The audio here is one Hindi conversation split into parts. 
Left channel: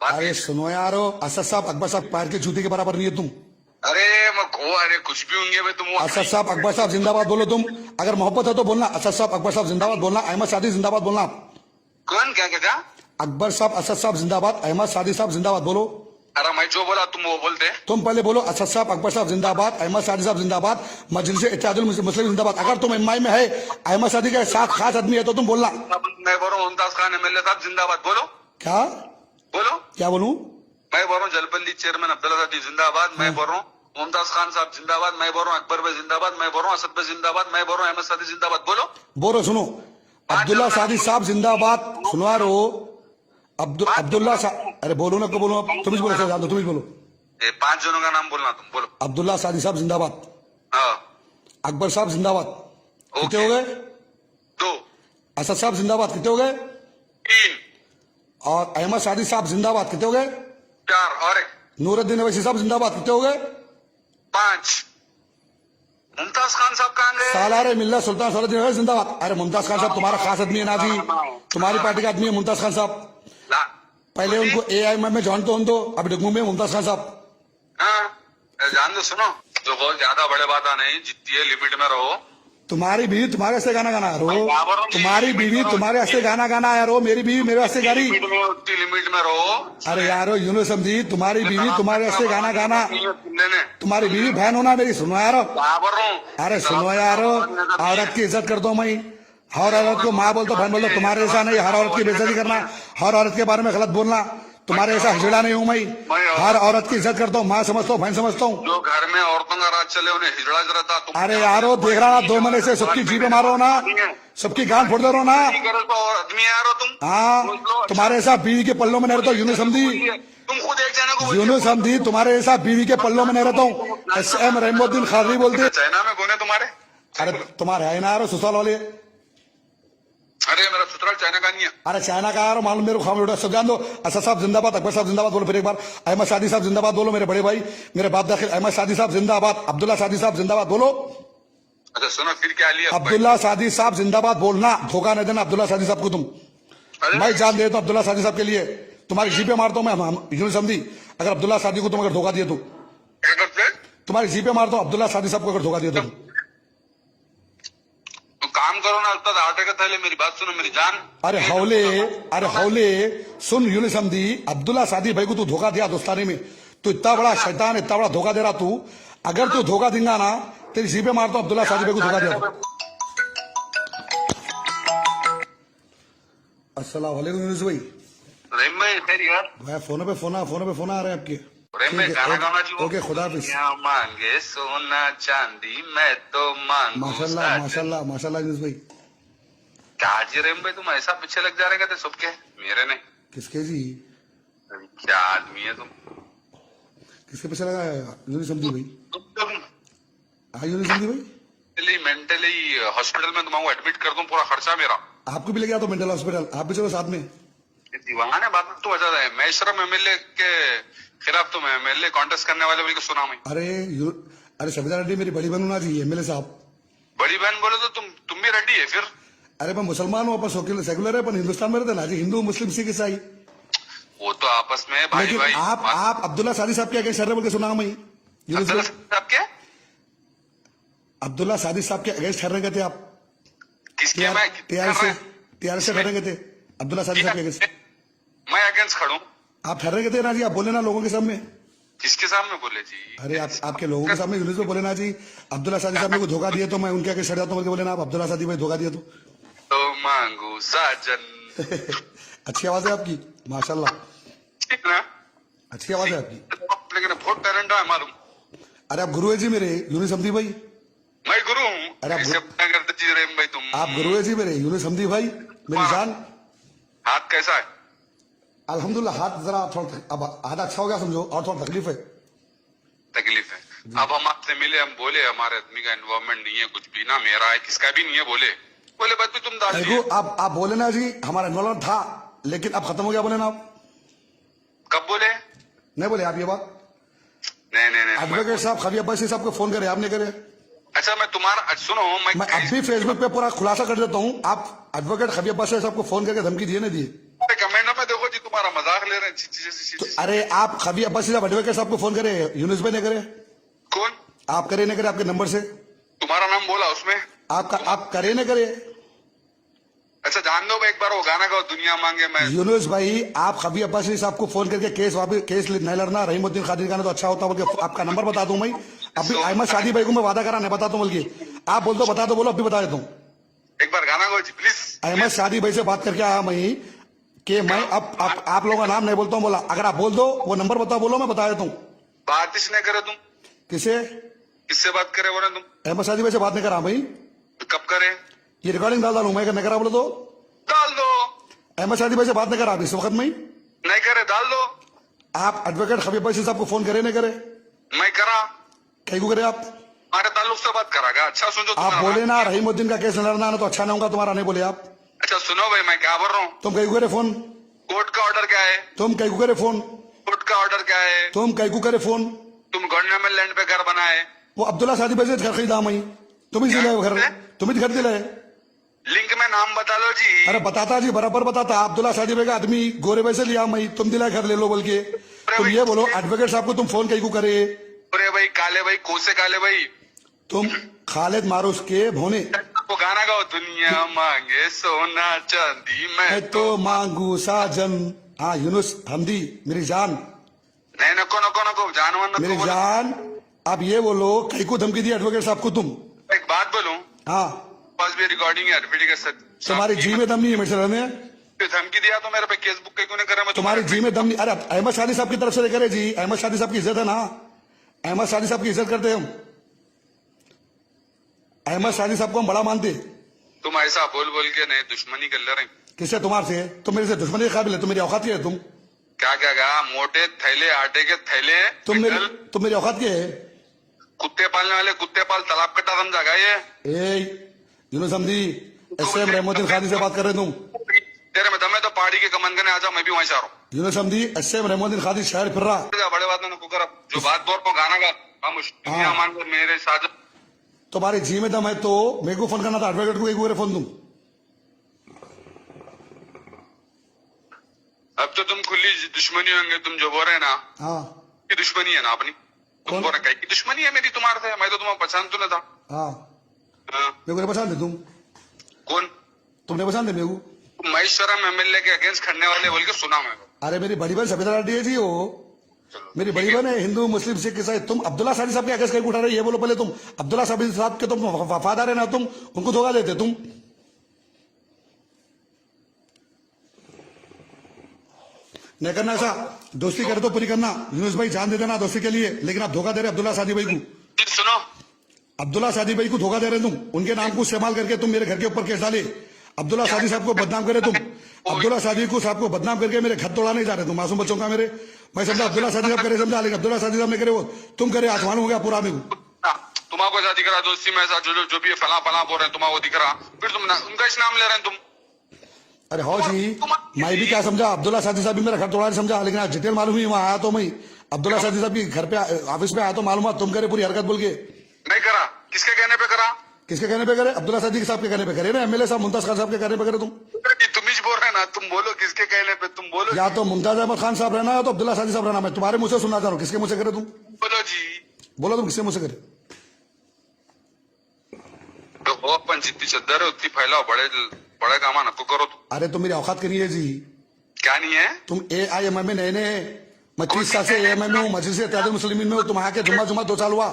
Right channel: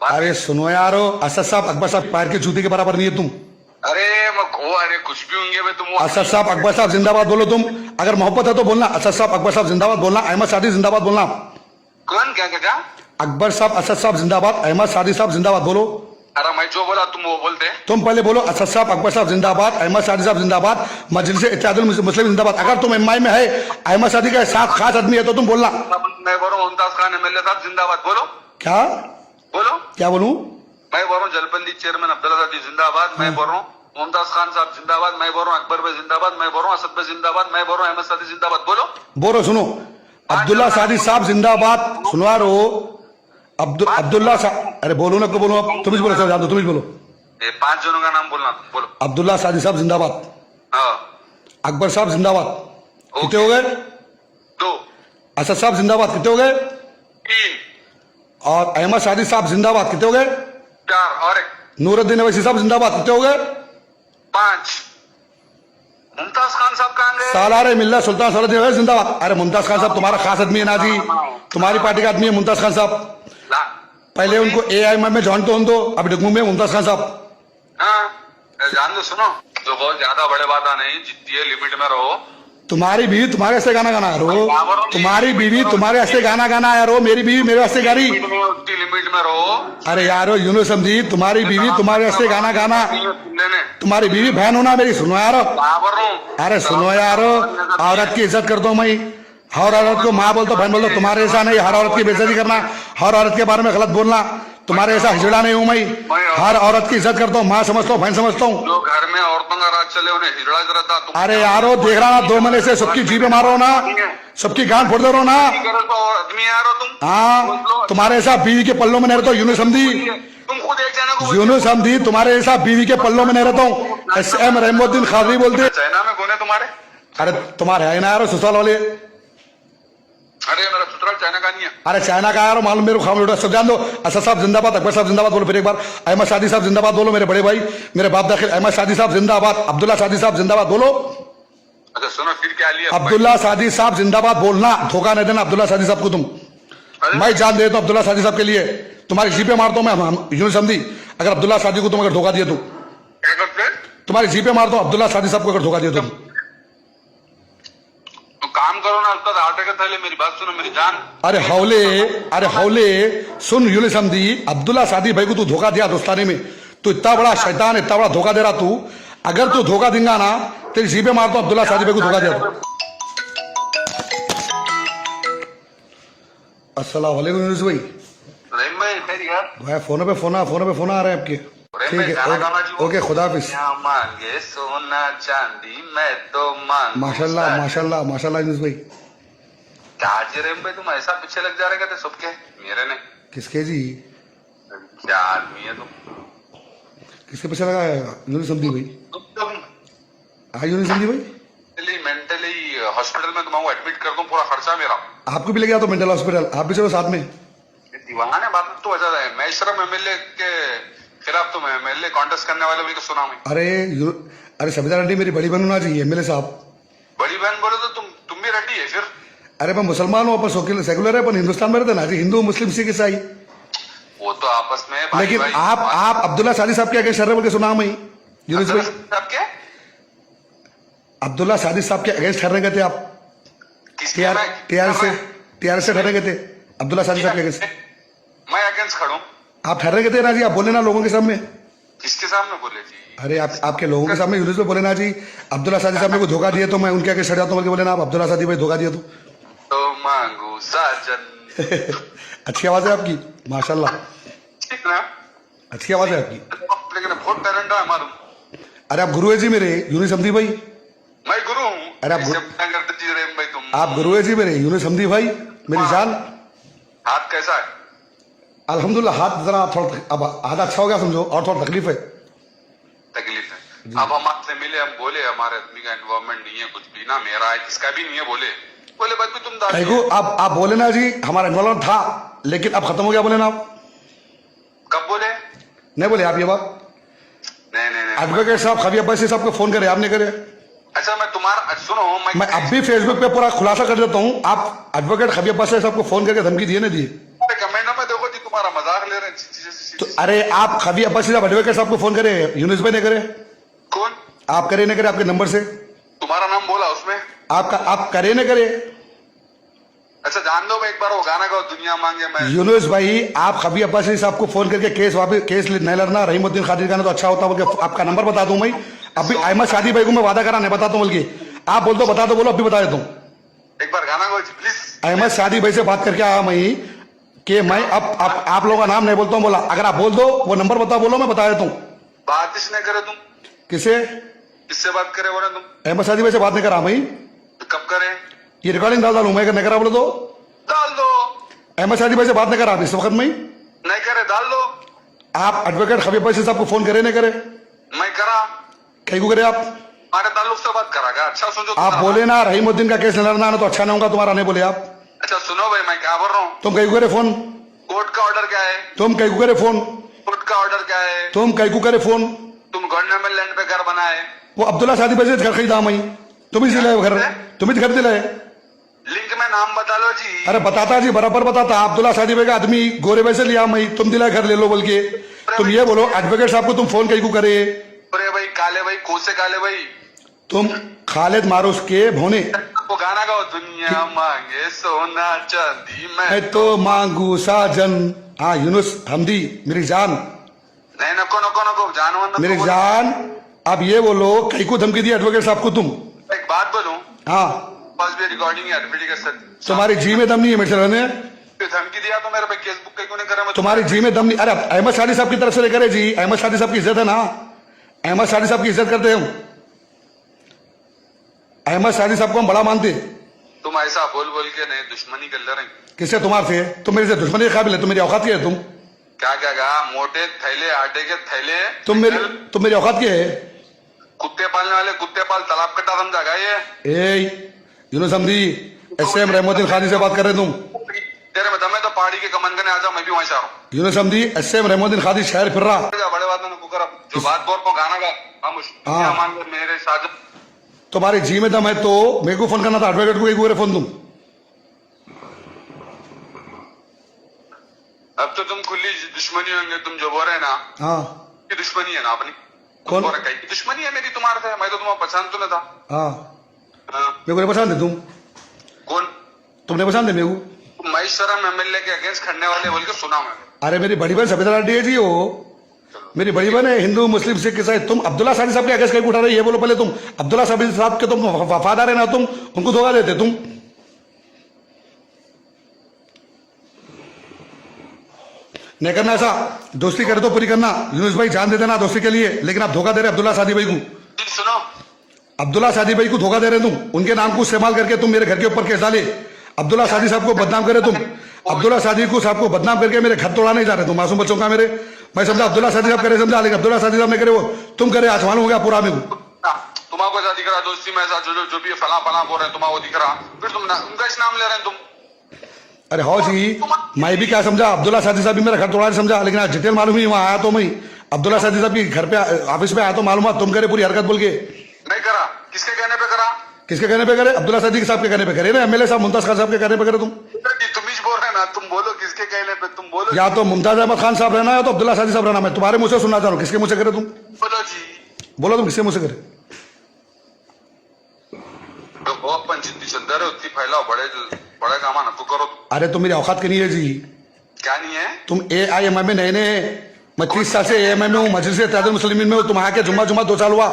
अरे सुनो यारो, असद साहब अकबर साहब पैर के जूते के बराबर नहीं है तुम। अरे अरे कुछ भी होंगे भाई तुम। असद साहब अकबर साहब जिंदाबाद बोलो तुम। अगर मोहब्बत है तो बोलना असद साहब अकबर साहब जिंदाबाद बोलना, अहमद सादी जिंदाबाद बोलना। कौन क्या कहता? अकबर साहब असद साहब जिंदाबाद, अहमद सादी साहब जिंदाबाद बोलो। अरे मैं जो बोला तुम वो बोलते। तुम पहले बोलो असद साहब अकबर साहब जिंदाबाद, अहमद सादी साहब जिंदाबाद, मजलिस इत्तेहादुल मुस्लिम जिंदाबाद। अगर तुम एमआई में है, अहमद सादी का साथ खास आदमी है तो तुम बोलना। मैं बोल रहा हूँ मुमताज खान एमएलए साहब जिंदाबाद बोलो। क्या बोलो क्या बोलूं? मैं बोल रहा हूँ जलपल्ली चेयरमैन अब्दुल्ला सादी जिंदाबाद। मैं बोल रहा हूँ मुमताज खान साहब जिंदाबाद। मैं बोल रहा हूँ अकबर भाई जिंदाबाद। मैं बोल रहा हूँ असद भाई जिंदाबाद। मैं बोल रहा हूँ अहमद सादी जिंदाबाद। बोलो बोलो सुनो, अब्दुल्ला सादी साहब जिंदाबाद। सुनवा रो अब्दुल्ला साहब। अरे बोलो ना, को बोलो अब तुम ही बोलो सर, जान दो तुम ही बोलो। ये 5 जनों का नाम बोलना तुम बोलो। अब्दुल्ला सादी साहब जिंदाबाद, हाँ अकबर साहब जिंदाबाद, कितने हो गए? 2 असद साहब जिंदाबाद, कितने हो गए? 3 और अहमद सादी साहब जिंदाबाद, कितने हो गए? 4 और 1 नूरुद्दीन अवैसी साहब जिंदाबाद, कितने हो गए? 5 मुमताज खान साहब कहाँ गए? सालार मिल्ला सुल्तान सलाउद्दीन अवैसी जिंदाबाद। अरे मुमताज खान साहब तुम्हारा खास आदमी है ना जी, तुम्हारी पार्टी का आदमी है मुमताज खान साहब। ला पहले उनको एआईएम में ज्वाइन तो दो, अब डिग्मू में मुमताज खान साहब। हाँ जान दो सुनो, जो बहुत ज्यादा बड़े बात नहीं, जितनी है लिमिट में रहो। तुम्हारी बीवी तुम्हारे वास्ते गाना गाना रो, तुम्हारी बीवी तुम्हारे वास्ते गाना गाना आया रो, मेरी बीवी मेरे वास्ते गा रही। लिमिट में रहो। अरे यारो यूनो समझी, तुम्हारी बीवी तुम्हारे वास्ते गाना गाना, तुम्हारी बीवी बहन होना मेरी। सुनो यारो, अरे सुनो यारो, औरत की इज्जत करता हूँ मैं, हर औरत को माँ बोलता बहन बोलता, तुम्हारे ऐसा नहीं। हर औरत की बेइज्जती करना, हर औरत के बारे में गलत बोलना, तुम्हारे ऐसा हिजड़ा नहीं हूं मैं। हर औरत की इज्जत करता हूँ, माँ समझता हूँ, बहन समझता हूँ। जो घर में औरतों का राज चले उन्हें हिजड़ा रहता तुम। अरे यारो देख रहा ना, 2 महीने से सबकी जीभे मारो ना, सबकी गांड फोड़ दे रहो ना। आदमी यार हो तुम। हाँ तुम्हारे ऐसा बीवी के पल्लों में नहीं रहता हूँ, यूनो समझी, तुम खुद एक जना को यूनो समझी, तुम्हारे ऐसा बीवी के पल्लों में नहीं रहता हूँ। SM रहमुद्दीन खादरी बोलते। चाइना में कौन है तुम्हारे? अरे तुम्हारे है ना यारो ससुराल वाले। अरे मेरा ससुराल चाइना का नहीं है। अरे चाइना का यार मालूम मेरे को, खाम सब जान दो। असद साहब जिंदाबाद, अकबर साहब जिंदाबाद बोलो फिर एक बार। अहमद सादी साहब जिंदाबाद बोलो, मेरे बड़े भाई, मेरे बाप दाखिल। अहमद सादी साहब जिंदाबाद, अब्दुल्ला सादी साहब जिंदाबाद बोलो। अच्छा सुनो फिर क्या लिया? अब्दुल्ला सादी साहब जिंदाबाद बोलना, धोखा नहीं देना अब्दुल्ला सादी साहब को तुम। मैं जान देता हूँ अब्दुल्ला सादी साहब के लिए, तुम्हारी जीपे मारता हूँ मैं, यूं समझी। अगर अब्दुल्ला सादी को तुम अगर धोखा दिए तो क्या करते? तुम्हारी जीपे मारता हूँ अब्दुल्ला सादी साहब को अगर धोखा दिए तुम। तो काम करो ना, अल्ताद आटे के थैले, मेरी बात सुनो मेरी जान। अरे हौले सुन यूं समझी, अब्दुल्ला सादी भाई को तू धोखा दिया दोस्तानी में, तू इतना बड़ा शैतान, इतना बड़ा धोखा दे रहा तू। अगर तू धोखा देगा ना, तेरी जीपे मारता हूँ अब्दुल्ला सादी भाई को धोखा दिया तो। अस्सलाम वालेकुम यूनुस भाई। भाई फोन पे फोन आ रहे हैं आपके। ठीक है ओके, खुदा हाफिज। मांगे सोना चांदी मैं तो मांगू माशाल्लाह माशाल्लाह माशाल्लाह यूनुस भाई। क्या रेम भाई तुम ऐसा पीछे लग जा रहे थे सबके मेरे ने? किसके जी? क्या आदमी है तुम? किसके पीछे लगा है यूनुस समझी भाई? तुम हाँ यूनुस समझी भाई, मेंटली हॉस्पिटल में तुम्हारा एडमिट कर दूं, पूरा खर्चा मेरा। आपको भी ले गया तो मेंटल हॉस्पिटल, आप भी चलो साथ में। ये दीवाना है बात तो वजह है। मैं शर्म एमएलए के खिलाफ तुम एमएलए कॉन्टेस्ट करने वाले बोल के सुना मैं। अरे सबिता रेड्डी मेरी बड़ी बहन होना चाहिए एमएलए साहब। बड़ी बहन बोले तो तुम भी रेड्डी है फिर? अरे मैं मुसलमान हूँ, अपन सेकुलर है, अपन हिंदुस्तान में रहते ना जी, हिंदू मुस्लिम सिख ईसाई। वो तो आपस में भाई लेकिन भाई, आप अब्दुल्ला सादी साहब के अगेंस्ट शर्र बोल के सुना मैं यूनुस भाई। क्या अब्दुल्ला सादी साहब के अगेंस्ट ठहरने गए थे आप? टीआरएस से ठहरने गए थे अब्दुल्ला सादी साहब के अगेंस्ट। मैं अगेंस्ट खड़ू? आप ठहरने गए थे ना जी, आप बोले ना लोगों के सामने। किसके सामने बोले जी? अरे आपके लोगों के सामने यूनुस भाई बोले ना जी, अब्दुल्ला सादी साहब मेरे को धोखा दिए तो मैं उनके आगे चढ़ जाता हूँ बोले ना, आप अब्दुल्ला सादी भाई धोखा दिए तो मांगू साजन। अच्छी आवाज है आपकी माशाल्लाह, अच्छी आवाज है आपकी। लेकिन बहुत टैलेंट है हमारा। अरे आप गुरु है जी मेरे यूनुस समझी भाई। मैं गुरु हूँ। अरे करते जी रेम भाई तुम। आप गुरु है जी मेरे यूनुस समझी भाई, मेरी जान। हाथ कैसा है? अल्हम्दुलिल्लाह, हाथ जरा थोड़ा अब आधा अच्छा हो गया समझो, और थोड़ा तकलीफ है। तकलीफ है? अब हम आपसे मिले, हम बोले हमारे आदमी का इन्वॉल्वमेंट नहीं है कुछ भी ना, मेरा है किसका भी नहीं है। बोले बात भी तुम आप बोले ना जी हमारा इन्वॉल्वमेंट था लेकिन अब खत्म हो गया, बोले ना आप। कब बोले? नहीं बोले आप ये बात? नहीं एडवोकेट साहब खबीर अब्बासी साहब को फोन करे, आपने करे? अच्छा मैं तुम्हारा सुनो, मैं अब भी फेसबुक पे पूरा खुलासा कर देता हूँ, आप एडवोकेट खबीर अब्बासी साहब को फोन करके धमकी दिए ना दिए? कमेंट में देखो जी, तुम्हारा मजाक ले रहे हैं। तो अरे आप खबी अब्बासी साहब एडवोकेट साहब को फोन करे, यूनुस भाई ने करे, कौन? आप करे न करे आपके नंबर से, तुम्हारा नाम बोला उसमें? आपका आप करे न करे। अच्छा जान दो एक बार वो गाना गाओ, दुनिया मांगे मैं। यूनुस भाई आप खबी अब्बासी साहब को फोन करके केस वापस केस नहीं लड़ना, रहीमुद्दीन खादिर का ना तो अच्छा होता बोल के आपका नंबर बता दूं मैं। अभी अहमद शादी भाई को मैं वादा करा नहीं बताता हूँ, बल्कि आप बोल दो बता दो, बोलो अभी बता देता हूँ। एक बार गाना गाओ जी प्लीज। अहमद शादी भाई से बात करके आया मैं कि मैं अब आप लोगों का नाम नहीं बोलता हूँ, बोला अगर आप बोल दो वो नंबर बता, बोलो मैं बता देता हूँ। बात इसने करे तुम? किसे? किससे बात करे बोले तुम? अहमद शादी भाई से बात नहीं करा मैं, कब करे? ये रिकॉर्डिंग डाल डालू मैं, नहीं करा बोले तो डाल दो। अहमद शादी भाई से बात नहीं करा इस वक्त में। नहीं करे डाल दो। आप एडवोकेट खबीब भाई साहब को फोन करे नहीं करे? मैं करा। कहीं को करे आप? हमारे ताल्लुक से बात करागा। अच्छा सुनो, आप बोले ना रहीमुद्दीन का केस लड़ना ना तो अच्छा नहीं होगा तुम्हारा, नहीं बोले आप। अच्छा सुनो भाई मैं क्या बोल रहा हूँ। तुम कहीं को करे फोन? कोर्ट का ऑर्डर क्या है? तुम कहीं को करे फोन? कोर्ट का ऑर्डर क्या है? तुम कहीं को करे फोन? तुम गवर्नमेंट लैंड पे घर बनाए। वो अब्दुल्ला शादी भाई से घर खरीदा मैं, तुम ही दिलाए घर, तुम ही घर दिलाए। लिंक में नाम बता लो जी। अरे बताता जी, बराबर बताता। अब्दुल्ला शादी भाई का आदमी गोरे भाई से लिया मैं, तुम दिलाए घर ले लो बोल के। तुम ये बोलो एडवोकेट साहब को तुम फोन कहीं को करे? अरे भाई काले भाई, कोसे काले भाई, तुम खालिद मारूफ के भोने। वो गाना गाओ, दुनिया मांगे सोना चांदी मैं तो मांगू साजन। हाँ यूनुस हमदी मेरी जान, नहीं नको नको नको जानवर मेरी जान। अब ये बोलो कहीं को धमकी दी एडवोकेट साहब को तुम? एक बात बोलूं, हाँ पास भी रिकॉर्डिंग है, रिपीट कर सकते। तुम्हारी जी में दम नहीं है मेरे से रहने। धमकी दिया तो मेरे पे केस बुक क्यों नहीं करे? मैं तुम्हारी जी में दम नहीं। अरे अहमद शादी साहब की तरफ से करे जी, अहमद शादी साहब की इज्जत है ना, अहमद शादी साहब की इज्जत करते हम, अहमद शादी साहब को हम बड़ा मानते। तुम ऐसा बोल बोल के नहीं दुश्मनी कर ले रहे। किससे? तुम्हारे से? तुम मेरे से दुश्मनी के काबिल है? तुम मेरी औकात की है? तुम क्या क्या कहा? मोटे थैले, आटे के थैले। तुम मेरी औकात की है? कुत्ते पालने वाले कुत्ते पाल, तालाब कट्टा समझा गा ये? ए यूनुस हमदी, एसएम रहीमुद्दीन खादी से बात कर रहे तुम? तेरे में दमे तो पहाड़ी के कमन करने आ जाओ, मैं भी वहीं से आ रहा हूँ। यूनुस हमदी, एसएम रहीमुद्दीन खादी शहर फिर रहा। बड़े बात में कर, जो बात बोल को गाना गा खामोश। हाँ। मान कर मेरे साथ तुम्हारी जी में दम है तो मेरे को फोन करना था, एडवोकेट को एक फोन तुम। अब तो तुम खुली दुश्मनी होंगे, तुम जो बोल रहे हैं ना। हाँ की दुश्मनी है ना अपनी? कौन? बोल रहे की दुश्मनी है मेरी तुम्हारे से? मैं तो तुम्हारा पसंद तो नहीं था। हाँ हाँ। मेरे को नहीं पसंद है तुम? कौन? तुमने पसंद है मेरे को? महेश्वरम एमएलए के अगेंस्ट खड़ने वाले बोल के सुना मैं। अरे मेरी बड़ी बहन सबिता लाडी है जी, वो मेरी बड़ी बहन है, हिंदू मुस्लिम सिख ईसाई। तुम अब्दुल्ला शादी साहब के अगेंस्ट कहीं उठा रहे, ये बोलो पहले तुम। अब्दुल्ला शादी साहब के तुम वफादार है ना, तुम उनको धोखा देते तुम। नहीं करना ऐसा, दोस्ती करे तो पूरी करना। यूनुस भाई जान दे देना दोस्ती के लिए, लेकिन आप धोखा दे रहे अब्दुल्ला शादी भाई को। सुनो, अब्दुल्ला शादी भाई को धोखा दे रहे तुम, उनके नाम को इस्तेमाल करके तुम मेरे घर के ऊपर केस डाले। अब्दुल्ला शादी साहब को बदनाम करे तुम, अब्दुल्ला शादी को साहब को बदनाम करके मेरे घर तोड़ा नहीं जा रहे तुम, मासूम बच्चों का मेरे। मैं समझा अब्दुल्ला शादी साहब करे, समझा, लेकिन अब्दुल्ला शादी साहब ने करे वो तुम करे, आज मालूम हो गया पूरा मेरे को। तुम्हारा ऐसा दिख रहा दोस्ती में, ऐसा जो भी फला फला बोल रहे हैं तुम्हारा वो दिख रहा, फिर तुम उनका इस नाम ले रहे हैं तुम। अरे हो जी, मैं भी क्या समझा, अब्दुल्ला शादी साहब भी मेरा घर तोड़ा नहीं समझा, लेकिन आज डिटेल मालूम ही वहां आया तो मैं अब्दुल्ला शादी साहब की घर पे ऑफिस में आया तो मालूम तुम करे पूरी हरकत बोल के। नहीं करा, किसके कहने पे करा? किसके कहने पे करे? अब्दुल्ला शादी साहब के कहने पे करे ना, एमएलए साहब मुमताज खान साहब के कहने पे करे तुम। तुम ही बोल रहे ना, तुम बोलो किसके कहने पे, तुम बोलो। या तो मुमताज अहमद खान साहब रहना है तो अब्दुल्ला शादी साहब रहना। मैं तुम्हारे मुंह से सुनना चाह रहा हूँ, किसके मुंह से करे तुम? बोलो जी, बोलो तुम किसके मुंह से करे? अपन जितनी चद्दर है उतनी फैलाओ, बड़े काम ना तो करो। अरे तुम मेरी औकात की नहीं है जी। क्या नहीं है? तुम AIMM में नए नए, मैं 30 साल से AIMM में हूँ, मजलिस इत्तेहादुल मुस्लिमीन में हूँ। तुम आके जुम्मा 2 साल हुआ,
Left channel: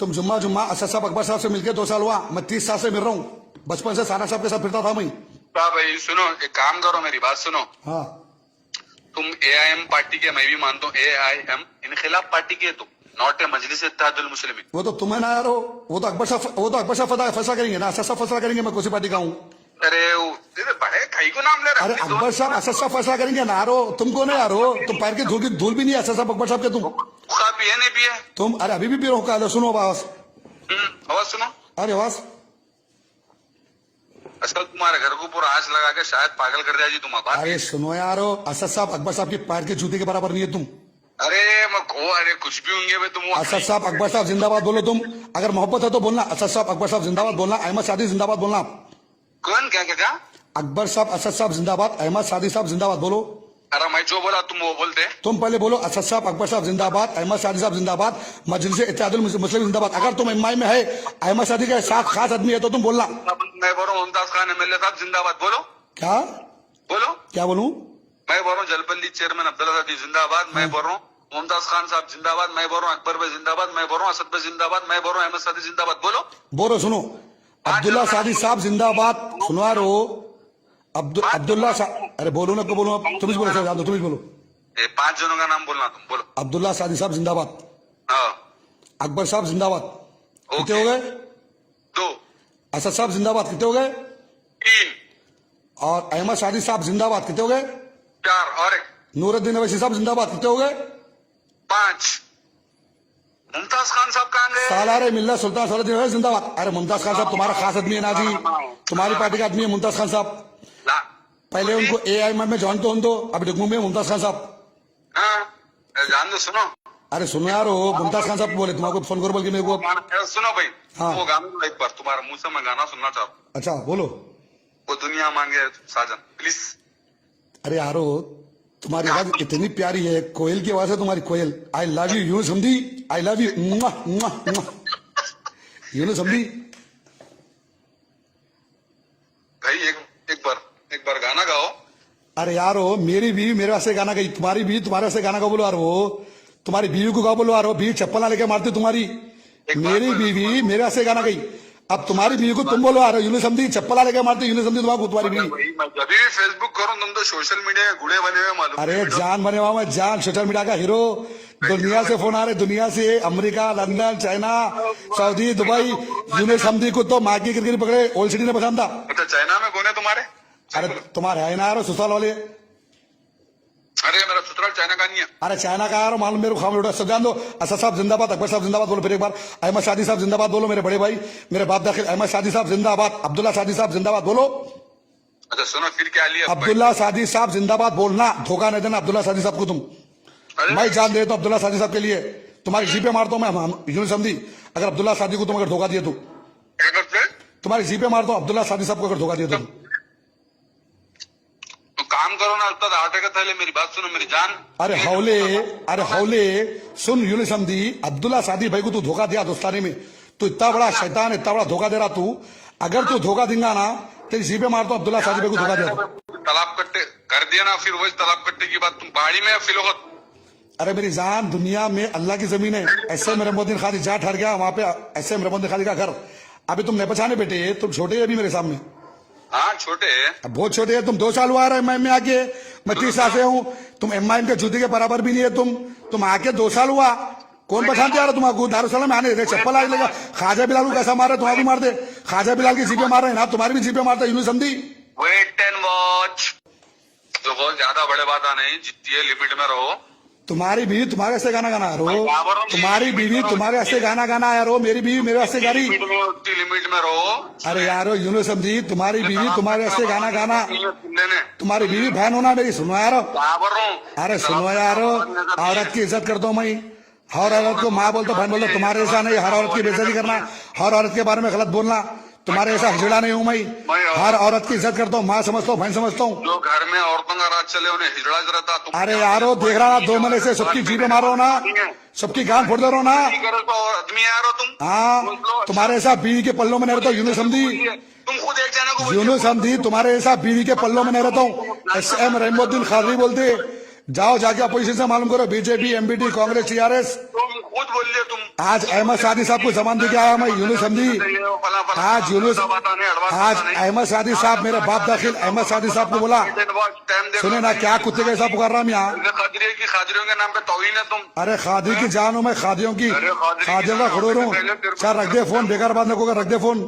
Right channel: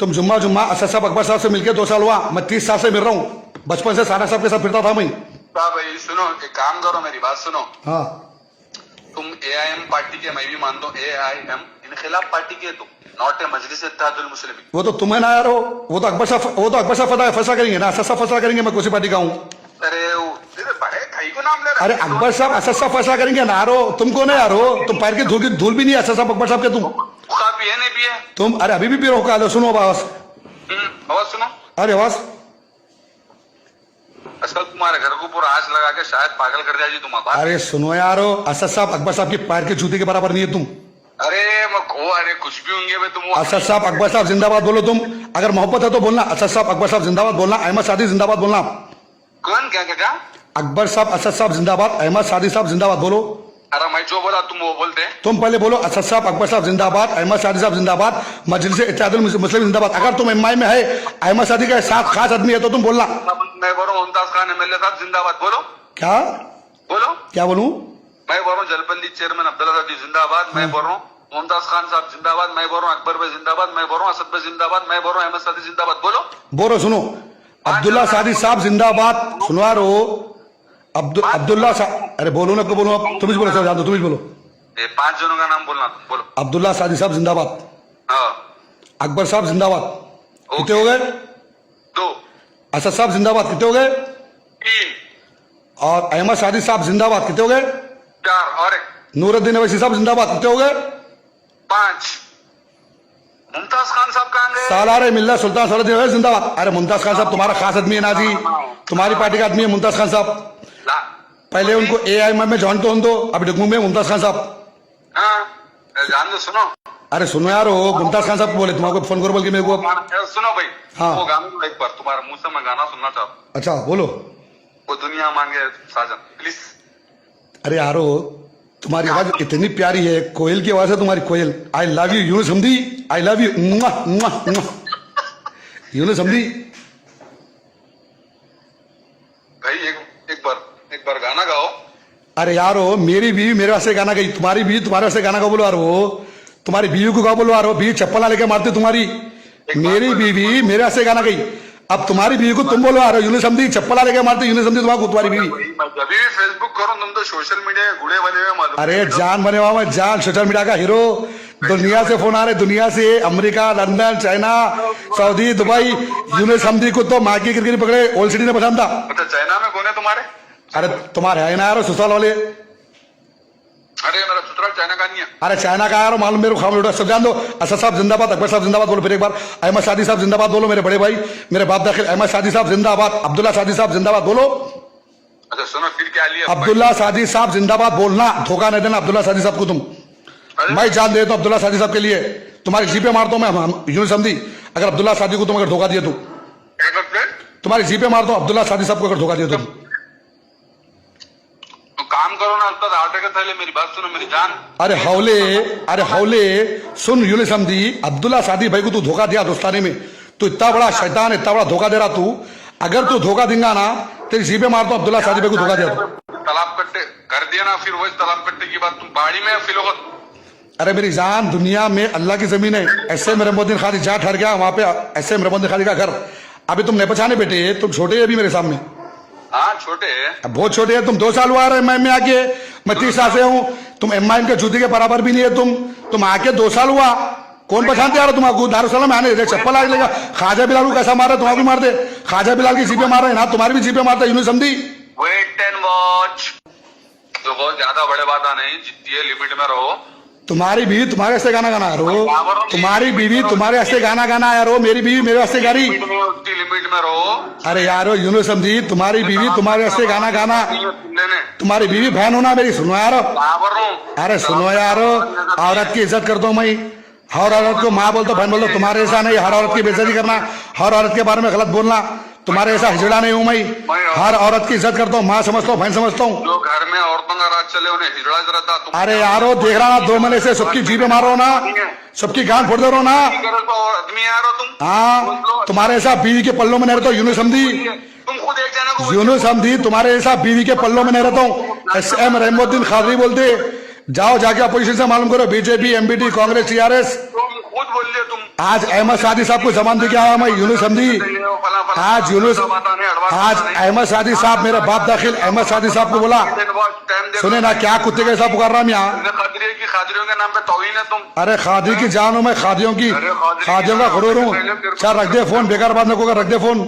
तुम जुम्मा असद साहब अकबर साहब से मिलकर 2 साल हुआ। मैं 30 साल से मिल रहा हूँ, बचपन से सारा साहब के साथ फिरता था मैं। भाई सुनो, एक काम करो, मेरी बात सुनो। हाँ तुम AIM पार्टी के, मैं भी मानता हूँ AIM इनखिलाफ पार्टी के, तुम नॉट ए मजलिस इत्तेहादुल मुस्लिमीन। वो तो तुम्हें ना यार हो, वो तो अकबर साहब फैसला करेंगे ना, असद साहब फैसला करेंगे मैं कौन सी पार्टी का हूँ। अरे बड़े कहीं को नाम ले रहे। अरे अकबर साहब असद साहब फैसला करेंगे ना यारो, तुम कौन है यारो? तुम पैर की धूल भी नहीं है असद साहब अकबर साहब के तुम। भी है नहीं भी है तुम। अरे अभी भी पी रहो का? सुनो आवाज, आवाज सुनो। अरे आवाज। आजकल तुम्हारे घर को पूरा आँच लगा के शायद पागल कर जाएगी तुम। अरे सुनो यारो, असद साहब अकबर साहब की पैर के जूते के बराबर नहीं है तुम। अरे अरे कुछ भी होंगे तुम। असद साहब अकबर साहब जिंदाबाद बोलो तुम, अगर मोहब्बत है तो बोलना। असद साहब अकबर साहब जिंदाबाद बोलना, अहमद शादी जिंदाबाद बोलना। कौन? क्या क्या क्या? अकबर साहब, असद साहब जिंदाबाद, अहमद सादी साहब जिंदाबाद। बोलो, अरे मैं जो बोला तुम वो बोलते। तुम पहले बोलो। असद साहब, अकबर साहब जिंदाबाद, अहमद सादी साहब जिंदाबाद, मजलिस इत्तेहादुल मुस्लिमीन जिंदाबाद। अगर तुम एमआई में है, अहमद सादी का साथ खास आदमी है तो तुम बोलना। मैं बोल रहा हूँ मुमताज खान एमएलए साहब जिंदाबाद। बोलो क्या बोलो। क्या बोलूं? मैं बोल रहा हूँ जलपल्ली चेयरमैन अब्दुल्ला सादी जिंदाबाद। मैं बोल रहा हूँ मुमताज खान साहब जिंदाबाद। मैं बोल रहा हूँ अकबर भाई जिंदाबाद। मैं बोल रहा हूँ असद भाई जिंदाबाद। मैं बोल रहा हूँ अहमद सादी जिंदाबाद। बोलो बोलो, सुनो। अब्दुल्ला सादी साहब जिंदाबाद। सुनवा रहे हो? अब्दुल्ला साहब, अरे बोलो ना, बोलो आप, तुम ही बोलो सर, जान दो, तुम ही बोलो। ये 5 जनों का नाम बोलना तुम। बोलो। अब्दुल्ला सादी साहब जिंदाबाद, हाँ अकबर साहब जिंदाबाद, कितने हो गए? 2 असद साहब जिंदाबाद, कितने हो गए? 3 और अहमद सादी साहब जिंदाबाद, कितने हो गए? 4 और 1 नूरुद्दीन अवैसी साहब जिंदाबाद, कितने हो गए? 5 मुमताज खान साहब कहाँ गए? सालारे मिल्ला सुल्तान सलाउद्दीन अवैसी जिंदाबाद। अरे मुमताज खान साहब तुम्हारा खास आदमी है ना जी, तुम्हारी पार्टी का आदमी है मुमताज खान साहब। पहले उनको एआईएम में ज्वाइन तो होने दो, अभी डुगमू में मुमताज खान साहब। हाँ जान दो। सुनो अरे सुनो यार, हो मुमताज खान साहब बोले, तुम्हारे फोन करो बोल के मेरे को। सुनो भाई। हाँ। वो गाना एक बार तुम्हारे मुंह से मैं गाना सुनना चाहता हूँ। अच्छा बोलो। वो दुनिया मांगे साजन प्लीज। अरे यारो, तुम्हारी आवाज इतनी प्यारी है, कोयल की आवाज है तुम्हारी, कोयल। I love you Yunus Hamdi, I love you Yunus Hamdi. भाई एक बार गाना गाओ। अरे यारो, मेरी बीवी मेरे वास्ते गाना गई, तुम्हारी बीवी तुम्हारे वास्ते गाना गाओ बोलो यार। वो तुम्हारी बीवी को गाओ बोलो यार, बीवी चप्पल ना लेके मारती तुम्हारी। मेरी बीवी मेरे वास्ते गाना गई, अब तुम्हारी बीवी को तुम बोलो यार, यूनुस हमदी चप्पल लेके मारती, यूनुस हमदी तुम्हारी बीवी। मैं जब भी फेसबुक करूँ तुम तो सोशल मीडिया के गुड़े बने हुए मालूम। अरे जान बने हुआ मैं, जान सोशल मीडिया का हीरो। दुनिया से फोन आ रहे, दुनिया से, America, London, China, Saudi, Dubai. Yunus Hamdi को तो माँ की गिरगिरी पकड़े ओल्ड सिटी ने पसंद था। अच्छा चाइना में कौन है तुम्हारे? अरे तुम्हारे है ना यार ससुराल वाले। अरे मेरा ससुराल चाइना का नहीं है। अरे चाइना का यार मालूम मेरे को, खाम लूटा सब जान दो। असद साहब जिंदाबाद, अकबर साहब जिंदाबाद बोलो फिर एक बार। अहमद सादी साहब जिंदाबाद बोलो, मेरे बड़े भाई, मेरे बाप दाखिल। अहमद सादी साहब जिंदाबाद, अब्दुल्ला सादी साहब जिंदाबाद बोलो। अच्छा सुनो फिर क्या लिया? अब्दुल्ला सादी साहब जिंदाबाद बोलना, धोखा नहीं देना अब्दुल्ला सादी साहब को तुम। मैं जान देता हूँ अब्दुल्ला सादी साहब के लिए, तुम्हारी जीपे मारता हूँ मैं यूनुस हमदी। अगर अब्दुल्ला सादी को तुम अगर धोखा दिए तो क्या करते? तुम्हारी जीपे मारता हूँ अब्दुल्ला सादी साहब को अगर धोखा दिए तुम। तो काम करो ना, उत्तर आटे का थैले। मेरी बात सुनो मेरी जान। अरे हौले सुन यूनुस हमदी, अब्दुल्ला सादी भाई को तू धोखा दिया दोस्ताने में, तू इतना बड़ा शैतान, इतना बड़ा धोखा दे रहा तू। अगर तू धोखा देगा ना तेरी जीपे मारता हूँ अब्दुल्ला सादी भाई को धोखा दिया तो। तालाब कट्टे कर दिया ना, फिर वही तालाब कट्टे की बात तुम पहाड़ी में फिलोगत। अरे मेरी जान, दुनिया में अल्लाह की जमीन है, ऐसे मेहमुद्दीन खादी जहाँ ठहर गया वहां पे ऐसे मेहमुद्दीन खादी का घर। अभी तुम नहीं पहचाने बेटे, तुम छोटे हैं अभी मेरे सामने। हाँ छोटे है, अब बहुत छोटे हैं तुम। 2 साल हुआ रहा में आके, मैं 30 साल से हूँ। तुम एम के जूते के बराबर भी नहीं है तुम आके 2 साल हुआ। कौन पहचानते यार तुमको? दारुसलाम आने दे, चप्पल आगे लेगा। ख्वाजा बिलाल को कैसा मारा, तुम्हारा भी मार दे। ख्वाजा बिलाल की जीपे मार रहे ना, तुम्हारी भी जीपे मारता Yunus Hamdi. Wait and watch. तो बहुत ज्यादा बड़े बात नहीं, जितनी है लिमिट में रहो। तुम्हारी बीवी तुम्हारे वास्ते गाना गाना यारो, तुम्हारी बीवी तुम्हारे वास्ते गाना गाना यारो, मेरी बीवी मेरे वास्ते गा रही। लिमिट में रहो। अरे यारो यूनुस हमदी, तुम्हारी बीवी तुम्हारे वास्ते गाना गाना, तुम्हारी बीवी बहन होना मेरी, सुनो यार। अरे सुनो यार, औरत की इज्जत करता हूँ मैं, हर औरत को माँ बोलता, बहन बोलता, तुम्हारे ऐसा नहीं। हर औरत की बेइज्जती करना, हर औरत के बारे में गलत बोलना, तुम्हारे ऐसा हिजड़ा नहीं हूं मैं। हर औरत की इज्जत करता हूँ, माँ समझता हूँ, बहन समझता हूँ। जो घर में औरतों का राज चले उन्हें हिजड़ा रहता। अरे यारो देख रहा ना, 2 महीने से सबकी जीपे मारो ना, सबकी गांड फोड़ दे रहो ना। आदमी आ रहा तुम। हाँ, तुम्हारे ऐसा बीवी के पल्लों में नहीं रहता हूँ यूनुस हमदी। तुम खुद एक जना को यूनुस हमदी, तुम्हारे ऐसा बीवी के पल्लों में नहीं रहता हूँ। SM रहमुद्दीन खादरी बोलते, जाओ जाके अपोजिशन से मालूम करो, बीजेपी, MBT, कांग्रेस, TRS। खुद बोलिए तुम। आज अहमद सादी साहब को जमान दे के आया मैं यूनुस हमदी। आज अहमद सादी साहब, मेरा बाप दाखिल अहमद सादी साहब को बोला, सुने ना क्या कुत्ते के साथ पुकार रहा मैं यहाँ। खादरियों के नाम पे तौहीन है तुम। अरे खादी की जान हूं मैं, खादियों का गुरूर हूँ। चल रख दे फोन, बेकार बात न को, रख दे फोन।